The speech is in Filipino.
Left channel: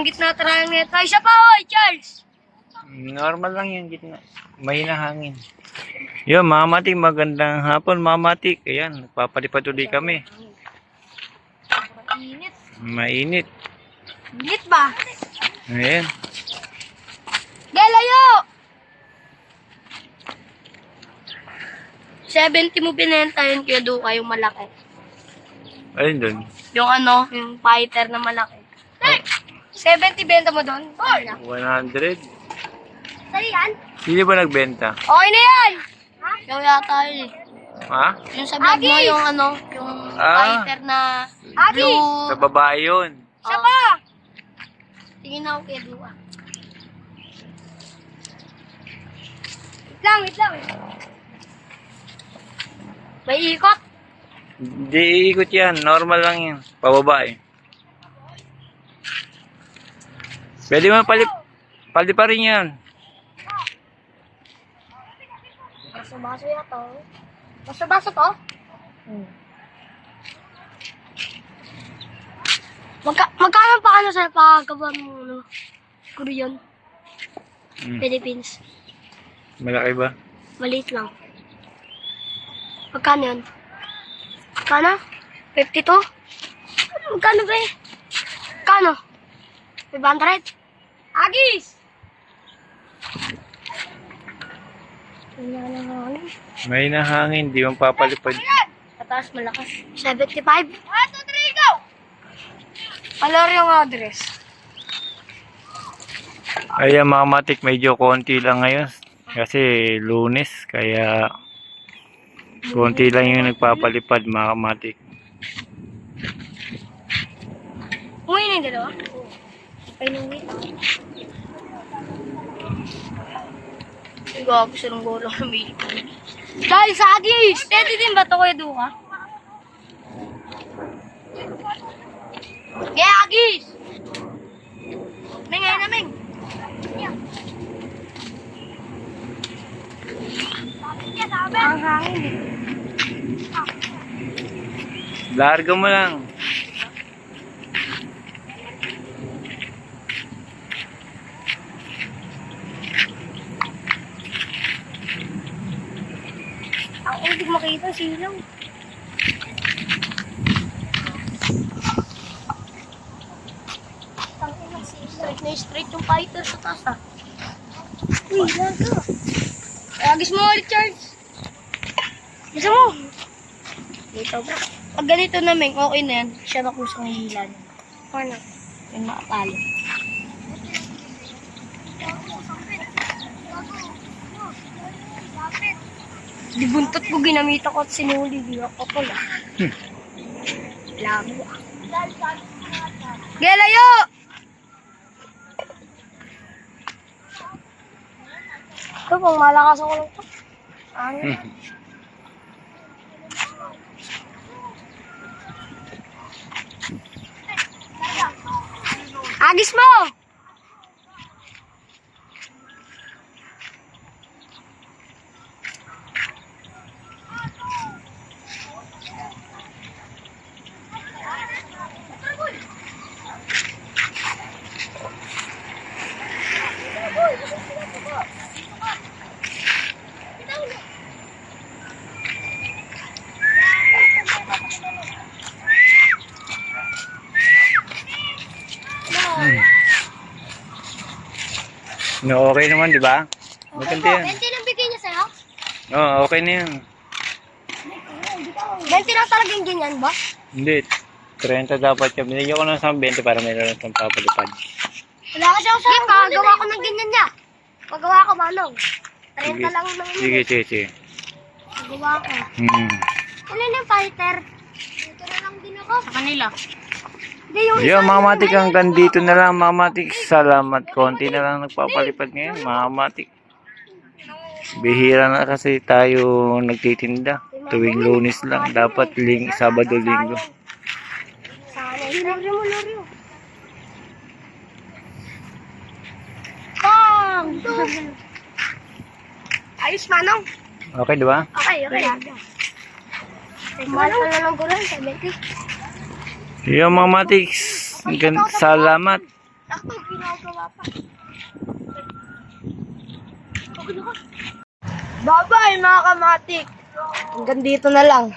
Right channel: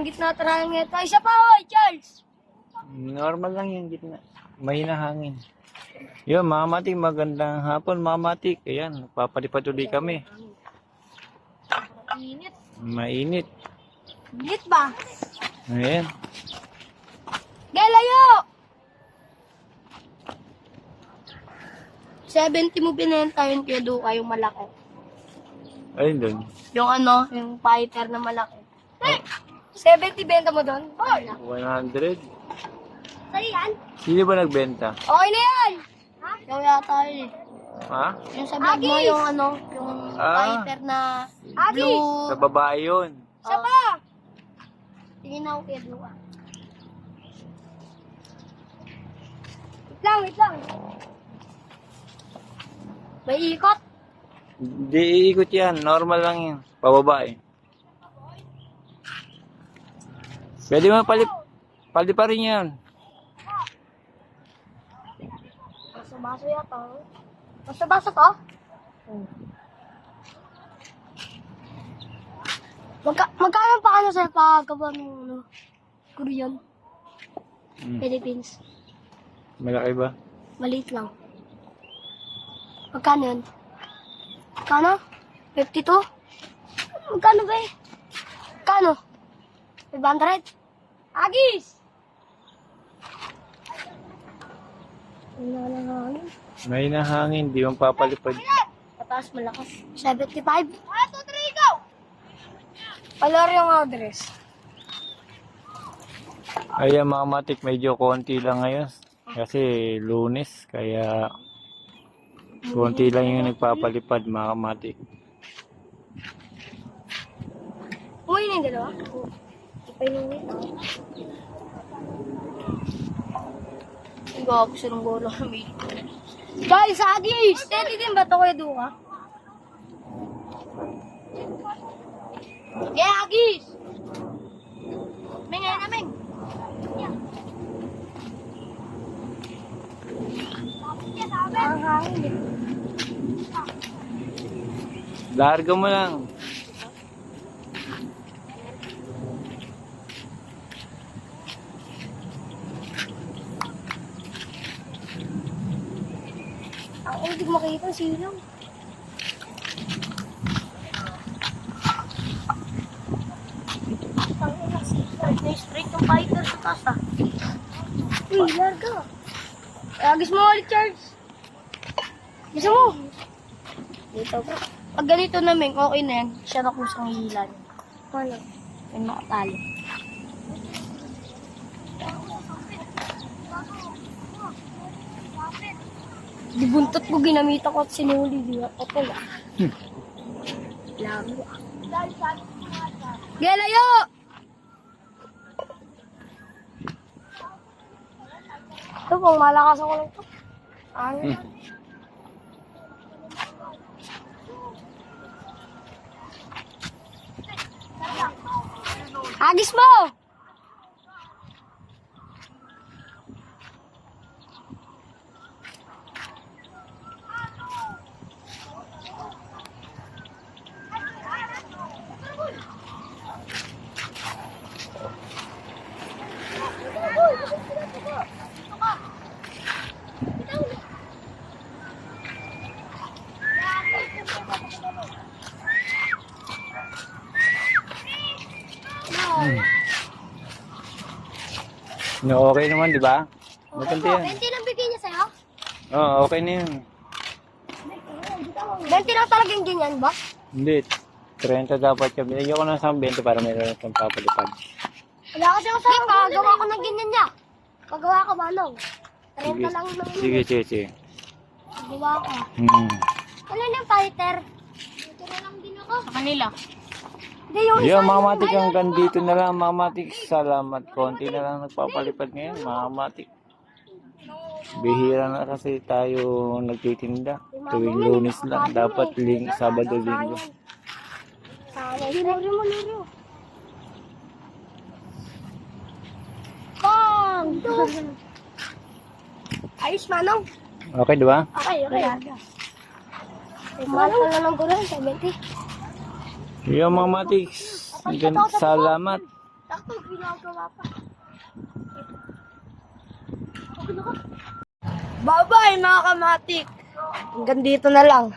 Hanggang gitna tayo nga tayo. Isa pa, oy, Charles! Normal lang yung gitna. May hangin. Yun, mga matik, magandang hapon, mga matik. Ayan, nagpapalipad ulit kami. Init. Mainit. Init ba? Ayan. Galayo! 70 mo binenta yun kaya Duka yung malaki. Ayun dun. Yung ano, yung fighter na malaki. 70 benta mo doon? 100. Sa'yo yan? Sino ba nagbenta? Okay na yan! Yung yata yun eh. Ha? Yung sa vlog mo, yung ano, yung fighter na blue. Sa babae yun. Siya pa! Tingin ako kay Duka. Wait lang. May ikot. Hindi iikot yan. Normal lang yan. Pababae. Pwede mo pali pa rin yan. Baso-baso yata. Baso-baso to? Magkano pa ano sa pagkaba ng ano? Korean? Philippines. Malaki ba? Maliit lang. Magkano yun? Magkano? 52? Magkano ba eh? Magkano? 500? Agis! Wala na hangin. May nahangin. Di mo papalipad. Tapos malakas. 75? 1, 2, 3, go! Color yung address. Ayan mga matik. Medyo konti lang ngayon. Kasi Lunes. Kaya konti lang yung nagpapalipad mga matik. Umuwi na yung dalawa? Oo. Ipainungit ako. Ang gago sa nung golo ng may dahil sa Agis! Steady din ba ito kuya Duka? Yeah, Agis! Meng, ayun na Meng! Ang hangin eh. Larga mo lang. Ako hindi ko makita silang. Straight na straight yung fighter sa taas ah. Uy, larga. Agis mo ulit, Charles. Gusto mo? Dito bro. Pag ganito na Meng, okay na yan. Siya na kusang hila niya. Okay na. Yung makapalo. Di buntot ko ginamita ko at sinuli. Di ako pala. Lago ah. Gelayo! Ito pang malakas ako lang ito. Ano? Agis mo! No, okay naman, di ba? Maganda yan. 20 lang bigay niya sa'yo? Oo, okay na yan. 20 lang talagang ganyan ba? Hindi. 30 dapat yan. Binigyan ko lang sa 20 para mayroon ng papalipad. Wala ka siyang sa'yo. Gagawa ko ng ganyan niya. Pagawa ko manong. 30 lang naman. Sige. Pagawa ko. Ano yung fighter? Dito na lang din ako. Sa kanila. Yung mga matik hanggang dito na lang mga matik. Salamat. Konti na lang nagpapalipad ngayon mga matik. Bihira na kasi tayo nagtitinda. Tuwing Lunes lang. Dapat Sabado, Linggo. Laro. Bang! Ayos manong. Okay, di ba? Okay. Mahal pa na lang ko lang, 70. Yung mga matik. Salamat. to, ginagawa pa. Bye-bye mga kamatik. Hanggang dito na lang.